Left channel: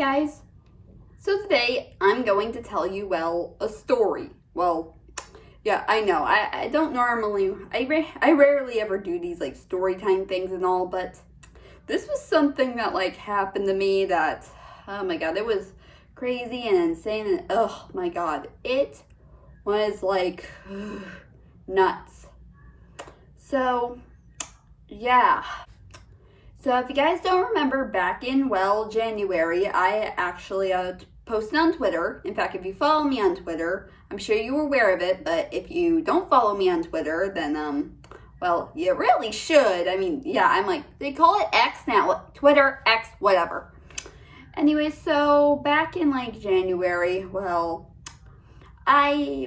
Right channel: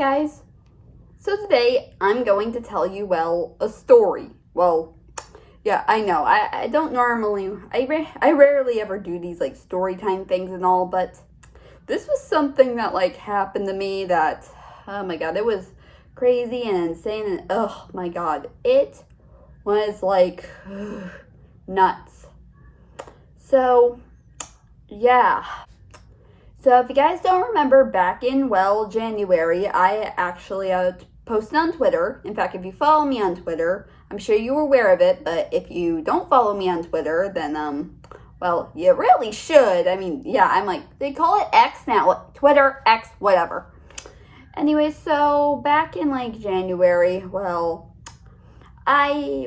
guys, so today I'm going to tell you, a story. Well, yeah, I know, I don't normally, I rarely ever do these, story time things and all, but this was something that, happened to me that, oh my god, it was crazy and insane, and oh my god, it was, nuts. So, yeah. So if you guys don't remember, back in, January, I actually posted on Twitter. In fact, if you follow me on Twitter, I'm sure you were aware of it, but if you don't follow me on Twitter, then, you really should. I mean, yeah, they call it X now, Twitter, X, whatever. Anyway, so back in, January, I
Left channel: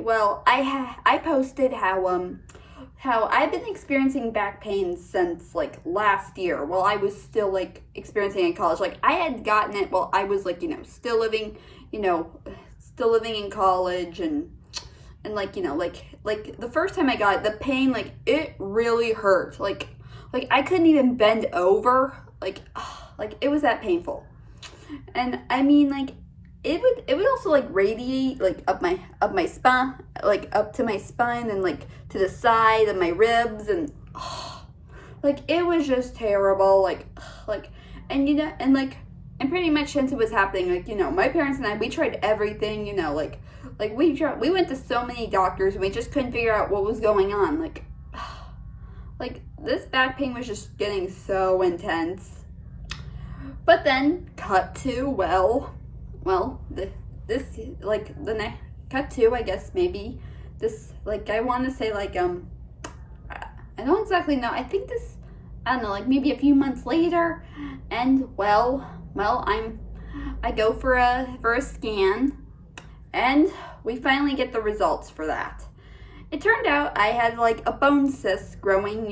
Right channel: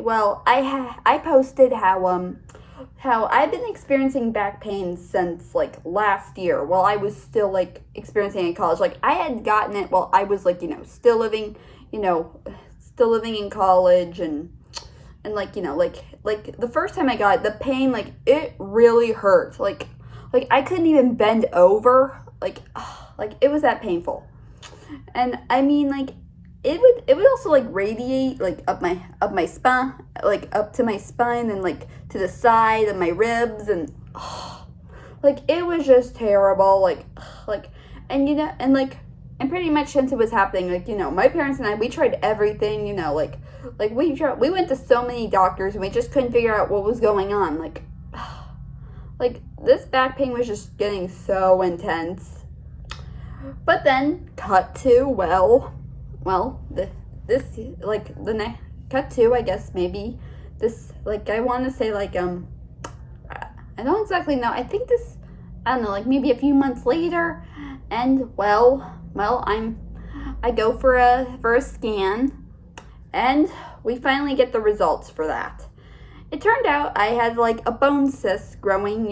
posted how I've been experiencing back pain since last year while I was still experiencing it in college. I had gotten it while I was still living in college and the first time I got it, the pain it really hurt. I couldn't even bend over. It was that painful. And I mean it would also radiate up my spine, up to my spine and to the side of my ribs, and it was just terrible. And pretty much since it was happening, my parents and I, we tried everything, we went to so many doctors and we just couldn't figure out what was going on. This back pain was just getting so intense. But then cut to cut to, I guess maybe this, I want to say I don't exactly know. I think this, I don't know, maybe a few months later, and I go for a scan, and we finally get the results for that. It turned out I had a bone cyst growing,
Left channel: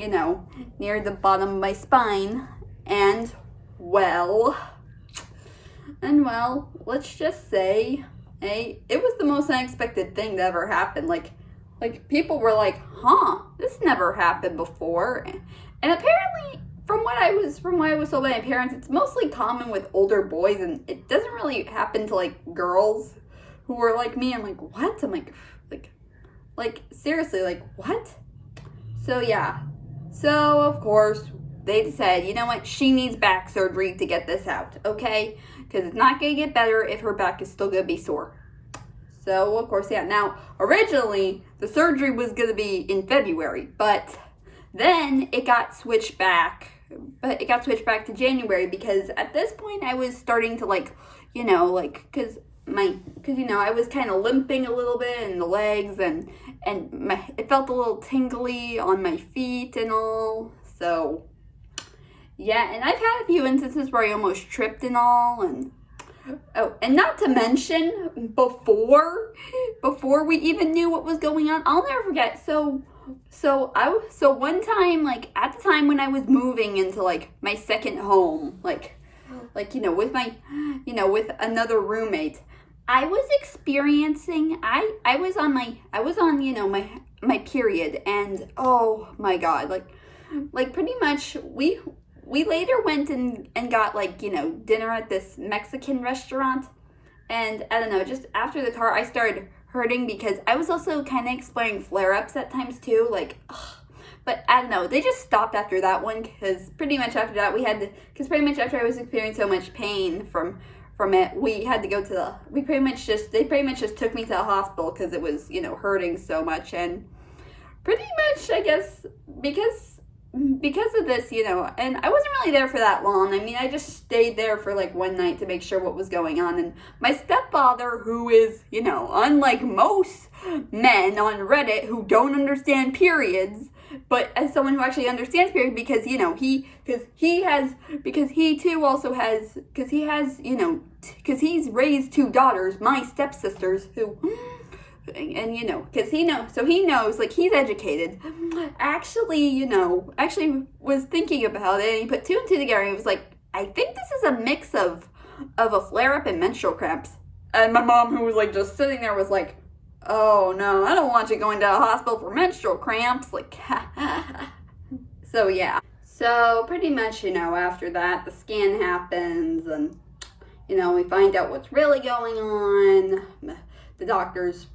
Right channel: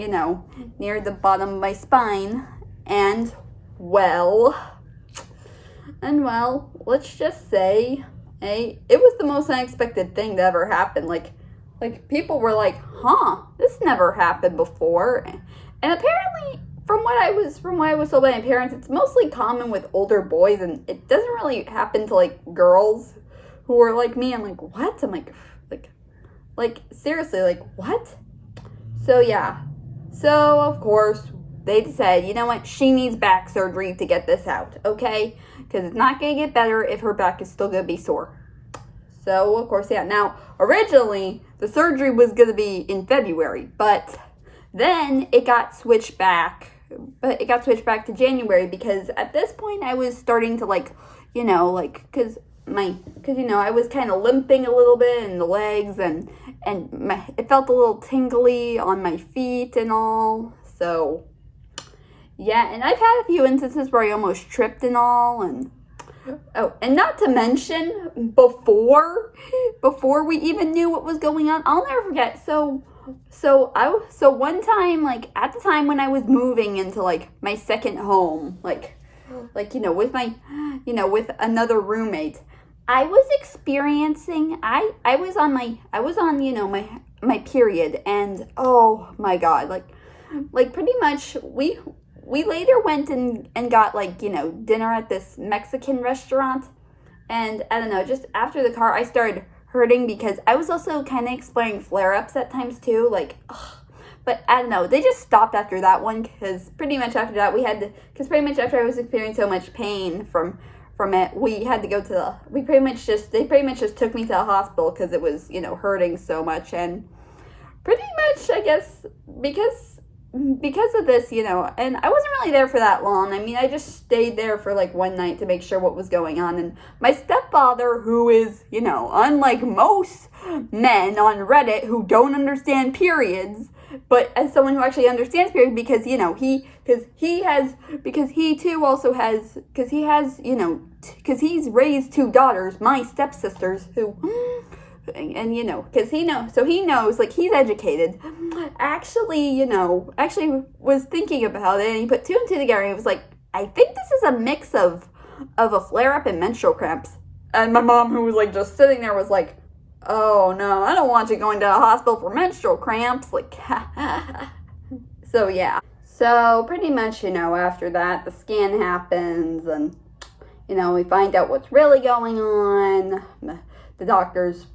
near the bottom of my spine, and let's just say, it was the most unexpected thing that ever happened. People were this never happened before. And apparently, from what I was told by my parents, it's mostly common with older boys, and it doesn't really happen to girls who are like me. I'm what? I'm seriously, what? So yeah. So of course, they decided, you know what, she needs back surgery to get this out, okay? Because it's not going to get better if her back is still going to be sore. So, of course, yeah. Now, originally, the surgery was going to be in February, but then it got switched back. But it got switched back to January because at this point I was starting to because I was kind of limping a little bit in the legs, and it felt a little tingly on my feet and all. So yeah, and I've had a few instances where I almost tripped and all, and and not to mention before we even knew what was going on, I'll never forget. So one time, at the time when I was moving into my second home, with my with another roommate, I was experiencing I was on my period, and oh my god, pretty much we later went and got dinner at this Mexican restaurant, and I don't know, just after the car I started hurting because I was also kind of experiencing flare-ups at times too, but I don't know, they just stopped after that one, because pretty much after that after I was experiencing so much pain from it, we had to go to they pretty much just took me to the hospital because it was hurting so much. And pretty much, I guess, because of this, and I wasn't really there for that long. I mean, I just stayed there for one night to make sure what was going on. And my stepfather, who is, unlike most men on Reddit who don't understand periods, but as someone who actually understands periods, because he's raised two daughters, my stepsisters, who, and because he knows, he's educated, actually was thinking about it, and he put two and two together, and he was I think this is a mix of a flare-up and menstrual cramps. And my mom, who was just sitting there, was oh no, I don't want you going to a hospital for menstrual cramps. So yeah. So pretty much, after that, the scan happens, and we find out what's really going on. The doctors,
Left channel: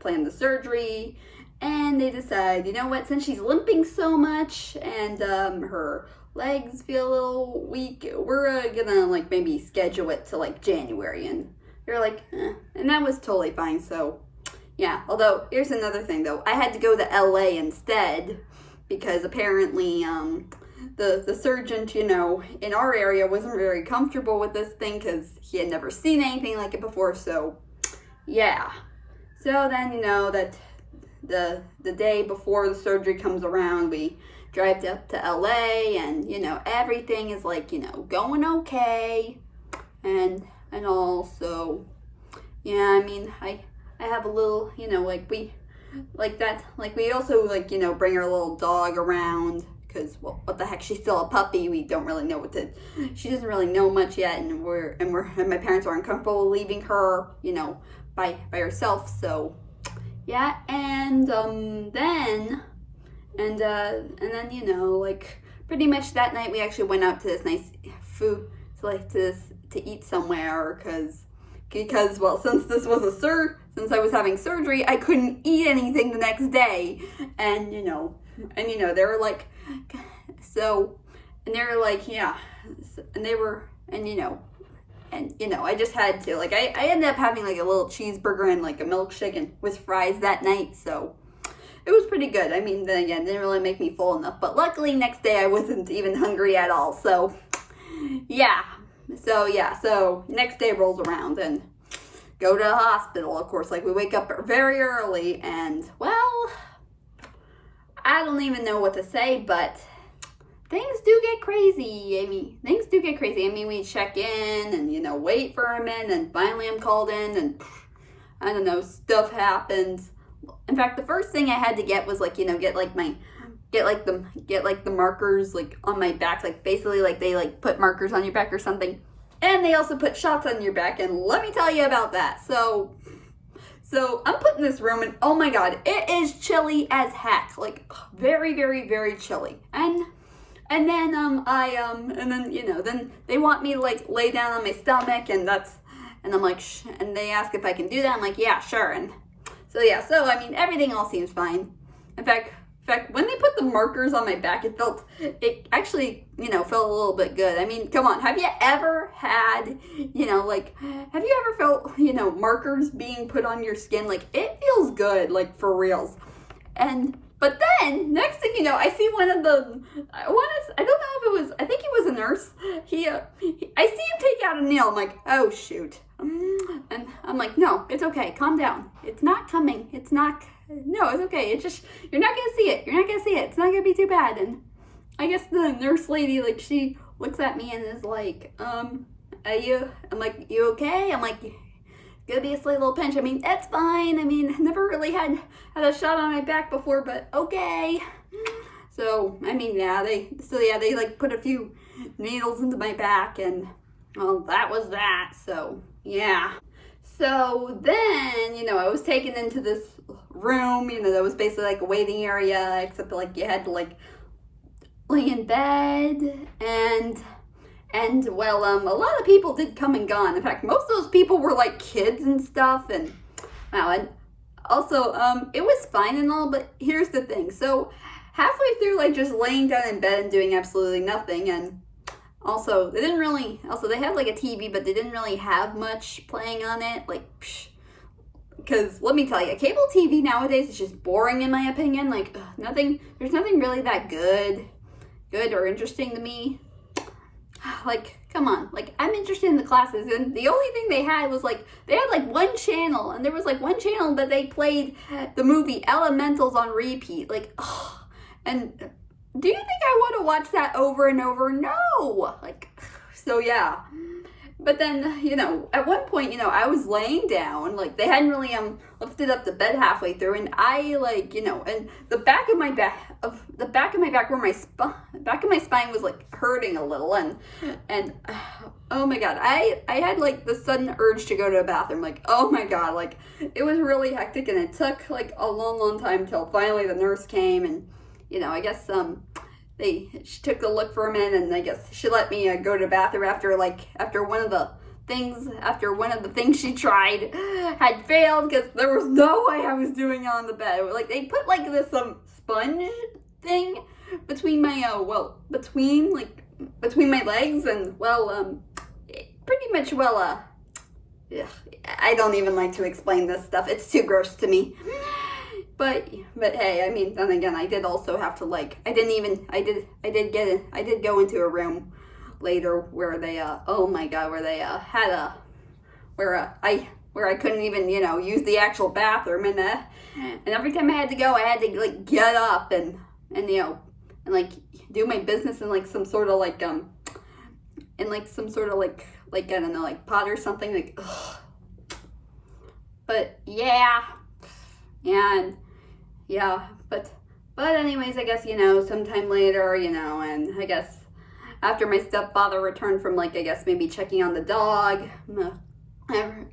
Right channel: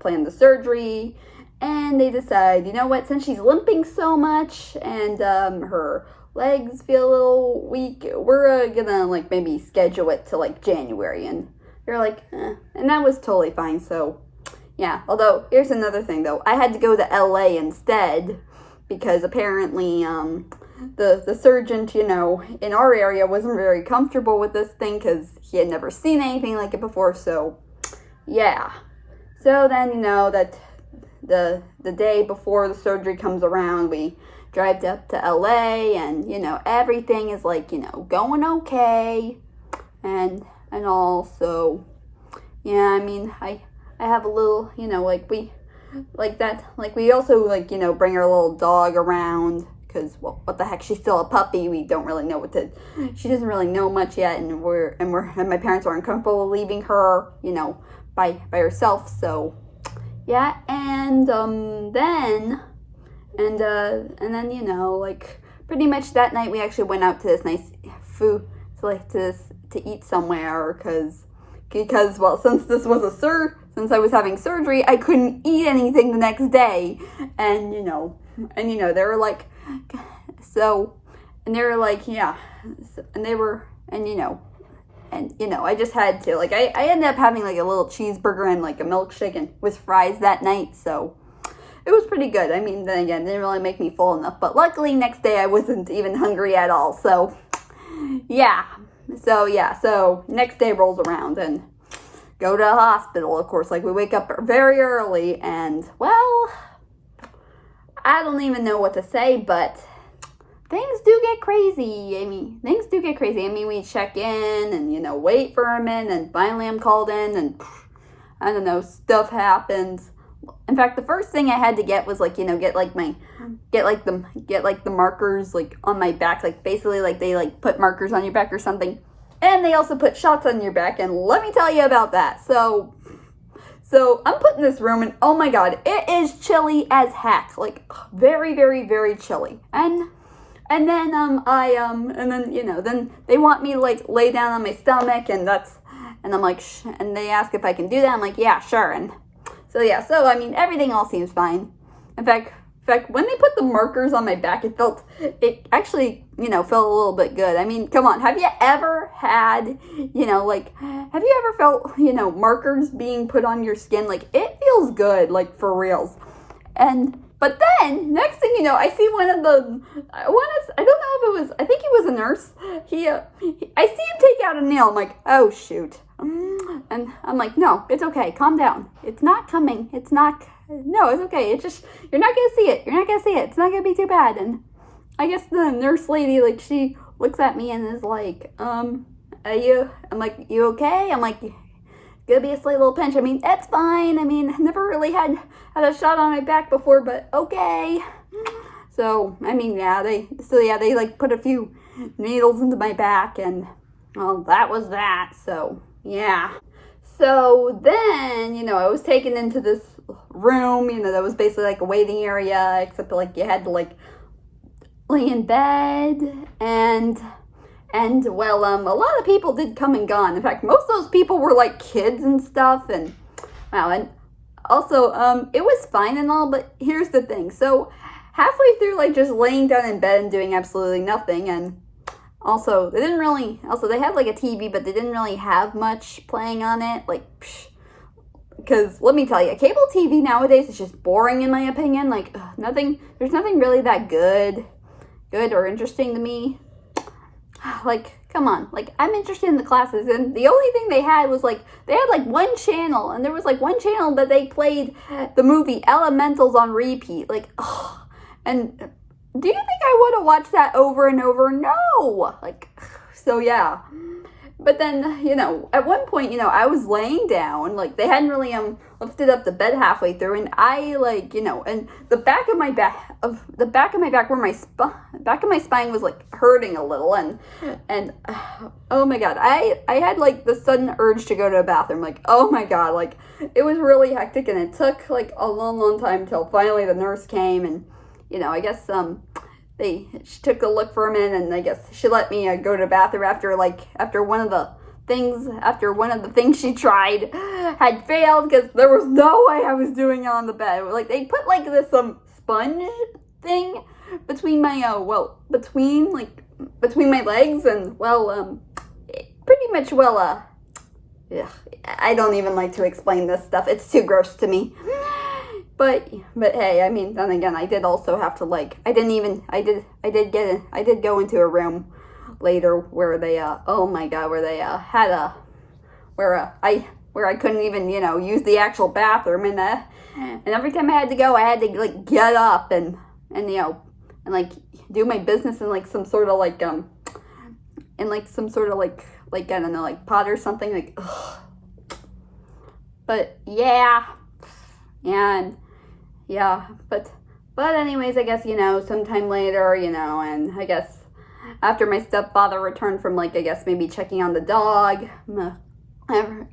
plan the surgery, and they decide, you know what, since she's limping so much and her legs feel a little weak, we're gonna like maybe schedule it to like January. And they're like, and that was totally fine. So yeah, although here's another thing though, I had to go to LA instead because apparently the surgeon, in our area wasn't very comfortable with this thing because he had never seen anything like it before. So yeah, so then that the day before the surgery comes around, we drive up to LA, and everything is like going okay and all. So yeah, I mean, I have a little, we also bring our little dog around because, well, what the heck, she's still a puppy. We don't really know she doesn't really know much yet, and my parents are uncomfortable leaving her, by herself. So yeah, and then pretty much that night we actually went out to this nice food to eat somewhere because well, since this was since I was having surgery, I couldn't eat anything the next day. And they were like, yeah, I just had to, I ended up having like a little cheeseburger and like a milkshake and with fries that night. So it was pretty good. I mean, then again, it didn't really make me full enough, but luckily next day I wasn't even hungry at all. So yeah. So next day rolls around and go to the hospital, of course. Like, we wake up very early, and, well, I don't even know what to say, but things do get crazy. I mean, we check in and, wait for a minute, and finally I'm called in, and, I don't know, stuff happens. In fact, the first thing I had to get was, get the markers, on my back. Basically, they, put markers on your back or something. And they also put shots on your back, and let me tell you about that. So I'm put in this room, and oh my god, it is chilly as heck. Very, very, very chilly. And then then they want me to lay down on my stomach, and I'm like, and they ask if I can do that. I'm like, yeah, sure. And so I mean, everything all seems fine. In fact, when they put the markers on my back, it actually, felt a little bit good. I mean, come on, have you ever had, felt, markers being put on your skin? It feels good, for reals. But then, next thing you know, I see I don't know if it was, I think he was a nurse. I see him take out a nail. I'm like, oh, shoot. And I'm like, no, it's okay. Calm down. It's not coming. No, it's okay. It's just, you're not going to see it. It's not going to be too bad. And I guess the nurse lady, she looks at me and is like, I'm like, you okay? I'm like, it's going to be a slight little pinch. I mean, that's fine. I mean, never really had a shot on my back before, but okay. So, I mean, they put a few needles into my back, and, well, that was that. So, yeah. So then, I was taken into this room, that was basically a waiting area, except you had to lay in bed, and well, a lot of people did come and gone. In fact, most of those people were kids and stuff, and wow, and also, it was fine and all, but here's the thing. So halfway through, just laying down in bed and doing absolutely nothing, and also, they had a TV, but they didn't really have much playing on it, because let me tell you, cable TV nowadays is just boring in my opinion. There's nothing really that good or interesting to me. Come on, I'm interested in the classes, and the only thing they had was they had one channel, and there was one channel that they played the movie Elementals on repeat, and do you think I would have watched that over and over? No! So yeah. But then, at one point, I was laying down, they hadn't really, lifted up the bed halfway through, and I, and the back of my back where back of my spine was, hurting a little, and oh my god, I had, the sudden urge to go to the bathroom, oh my god, it was really hectic, and it took, a long, long time till finally the nurse came, and, I guess, she took a look for a minute, and I guess she let me go to the bathroom after one of the things she tried had failed, because there was no way I was doing it on the bed. Like, they put like this sponge thing between my between my legs, and pretty much yeah, I don't even like to explain this stuff. It's too gross to me. But hey, I mean, then again, I did also have to I did go into a room later where they oh my god, where they had where I couldn't even, use the actual bathroom, and every time I had to go, I had to get up and do my business in some sort of I don't know, pot or something, ugh. But yeah, and yeah, but anyways, I guess, sometime later, and I guess after my stepfather returned from I guess maybe checking on the dog,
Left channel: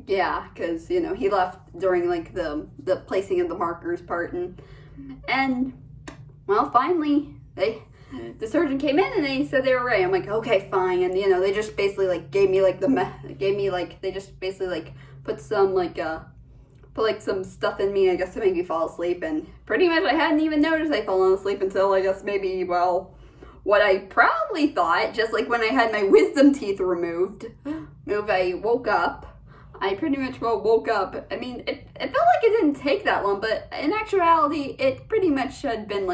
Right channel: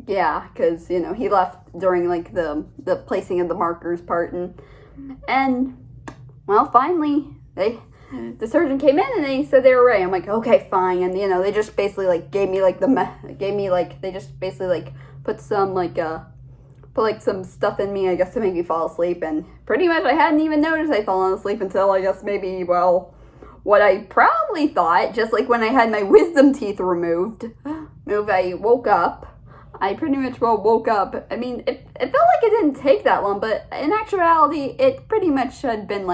yeah, because, he left during the placing of the markers part, and well, finally the surgeon came in and they said they were ready. I'm like, okay, fine. And they just basically gave me they just basically put some some stuff in me, I guess, to make me fall asleep. And pretty much I hadn't even noticed I'd fallen asleep until I guess maybe, what I probably thought, just when I had my wisdom teeth removed, I woke up. I pretty much woke up. I mean, it felt like it didn't take that long, but in actuality, it pretty much had been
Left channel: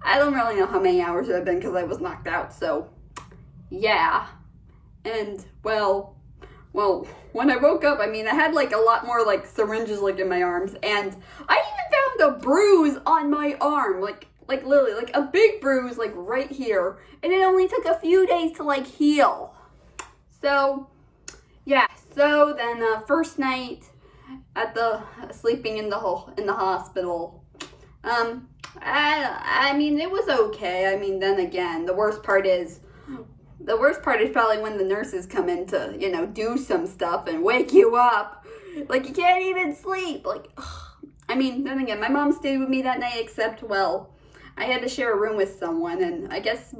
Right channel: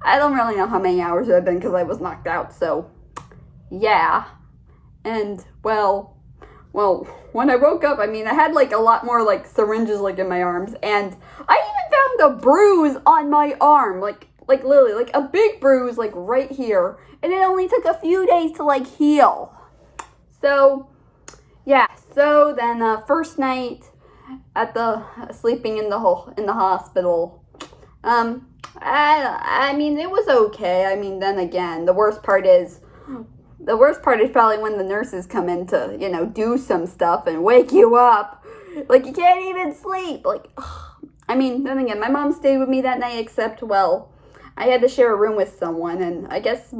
I don't really know how many hours it had been, because I was knocked out, so yeah. And well, when I woke up, I mean, I had a lot more syringes in my arms, and I even found a bruise on my arm, literally, a big bruise right here, and it only took a few days to heal. So yeah, so then first night at the sleeping in the hospital, I mean, it was okay. I mean, then again, the worst part is probably when the nurses come in to, do some stuff and wake you up. You can't even sleep. I mean, then again, my mom stayed with me that night, except, I had to share a room with someone, and I guess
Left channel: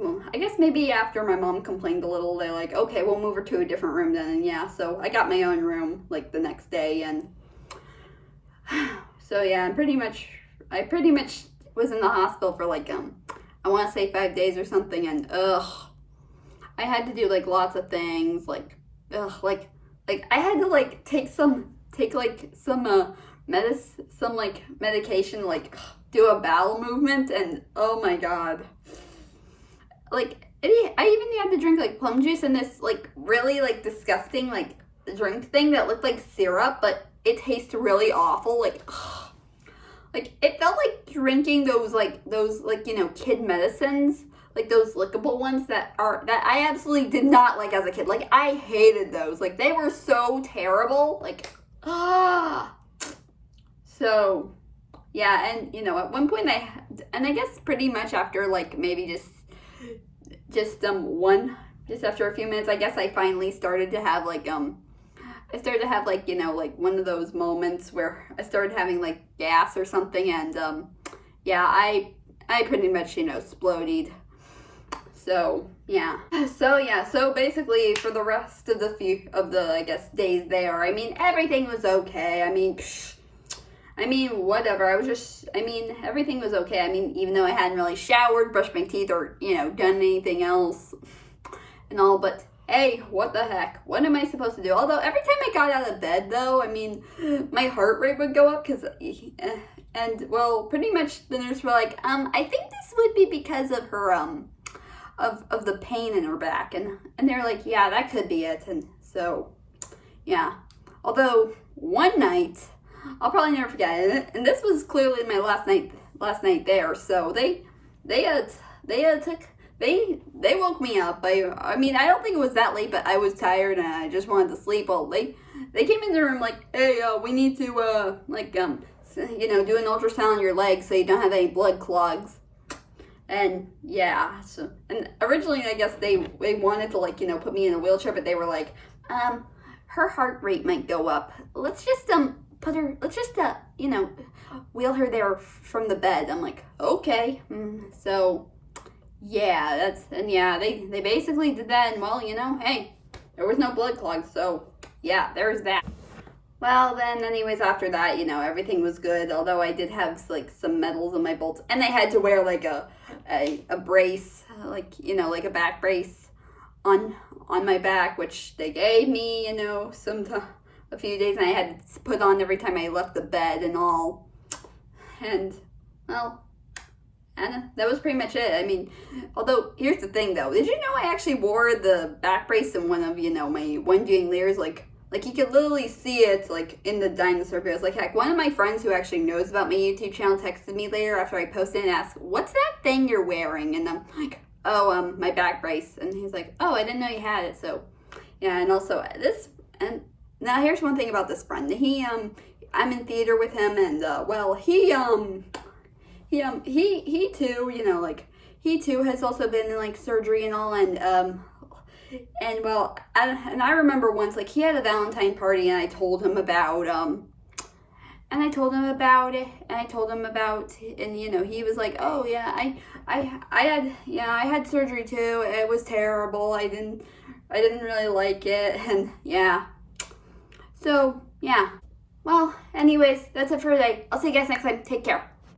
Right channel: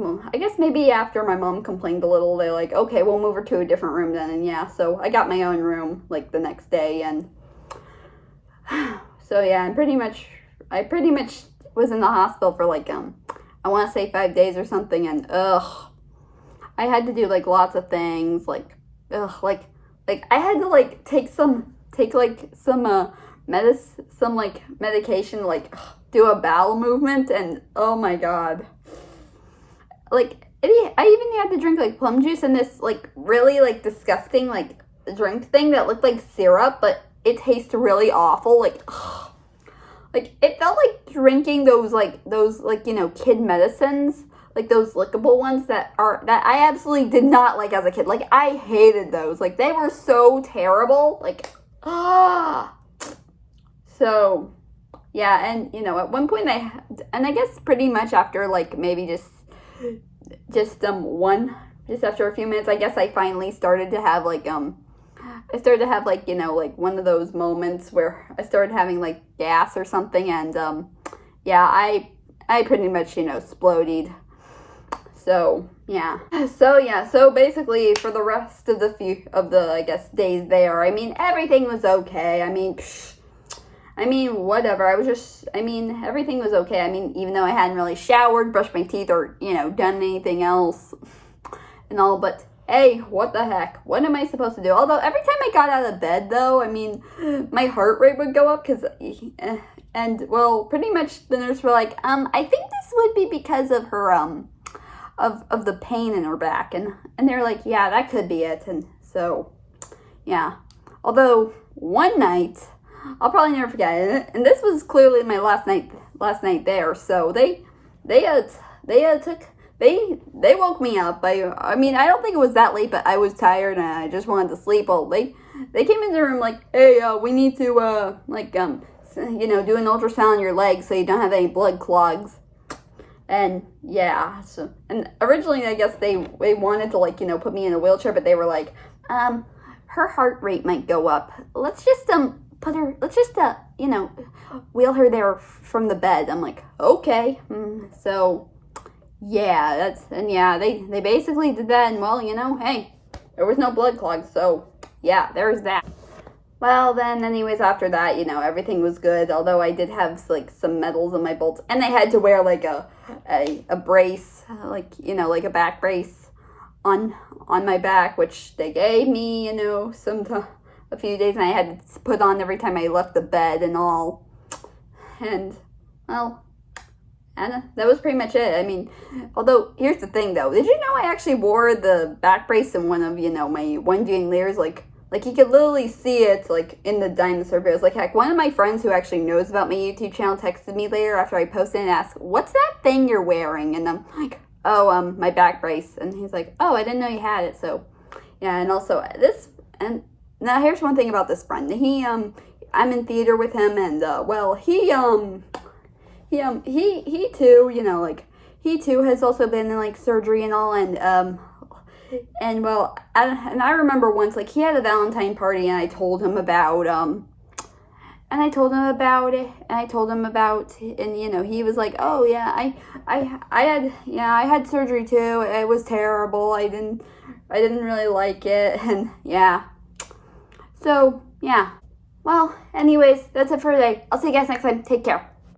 maybe after my mom complained a little, they okay, we'll move her to a different room then, and yeah, so I got my own room, the next day, and so yeah, I pretty much was in the hospital for I want to say 5 days or something, and I had to do lots of things, I had to take some medication, do a bowel movement, and oh my god, I even had to drink plum juice and this really disgusting drink thing that looked like syrup, but it tastes really awful. It felt like drinking those kid medicines, those lickable ones that I absolutely did not like as a kid. I hated those. They were so terrible. So yeah, and at one point I guess pretty much after maybe just after a few minutes, I guess I finally started to have one of those moments where I started having gas or something, and yeah, I pretty much exploded. So yeah, so basically for the rest of the I guess days there, I mean, everything was okay. I mean, whatever. Everything was okay. I mean, even though I hadn't really showered, brushed my teeth, or, done anything else and all, but hey, what the heck? What am I supposed to do? Although, every time I got out of bed, though, I mean, my heart rate would go up, pretty much the nurse were I think this would be because of her, of the pain in her back, and they're yeah, that could be it, and so, yeah. Although, one night, I'll probably never forget it, and this was clearly my last night there. So they woke me up. I mean, I don't think it was that late, but I was tired and I just wanted to sleep. Well, they came into the room hey, we need to do an ultrasound on your legs so you don't have any blood clogs. And yeah, so, and originally I guess they wanted to put me in a wheelchair, but they were her heart rate might go up. Let's just wheel her there from the bed. I'm okay. So yeah, they basically did that, and well, hey, there was no blood clots, so yeah, there's that. Well, then, anyways, after that, everything was good. Although I did have like some metals in my bolts, and I had to wear like a brace, like a back brace on my back, which they gave me, a few days, and I had to put on every time I left the bed and all. And well, and that was pretty much it. I mean, although here's the thing though, did you know I actually wore the back brace in one of my One Viewing layers, like you could literally see it like in the dinosaur videos. Like heck, one of my friends who actually knows about my YouTube channel texted me later after I posted and asked, "What's that thing you're wearing?" And I'm like, "Oh, my back brace." And he's like, "Oh, I didn't know you had it." So yeah, and also and now here's one thing about this friend. I'm in theater with him, and well, he too, he too has also been in like surgery and all, and well, I remember once, like, he had a Valentine party, and I told him about it, and he was like, "Oh yeah, I had surgery too. It was terrible. I didn't really like it," and yeah. So yeah. Well, anyways, that's it for today. I'll see you guys next time. Take care.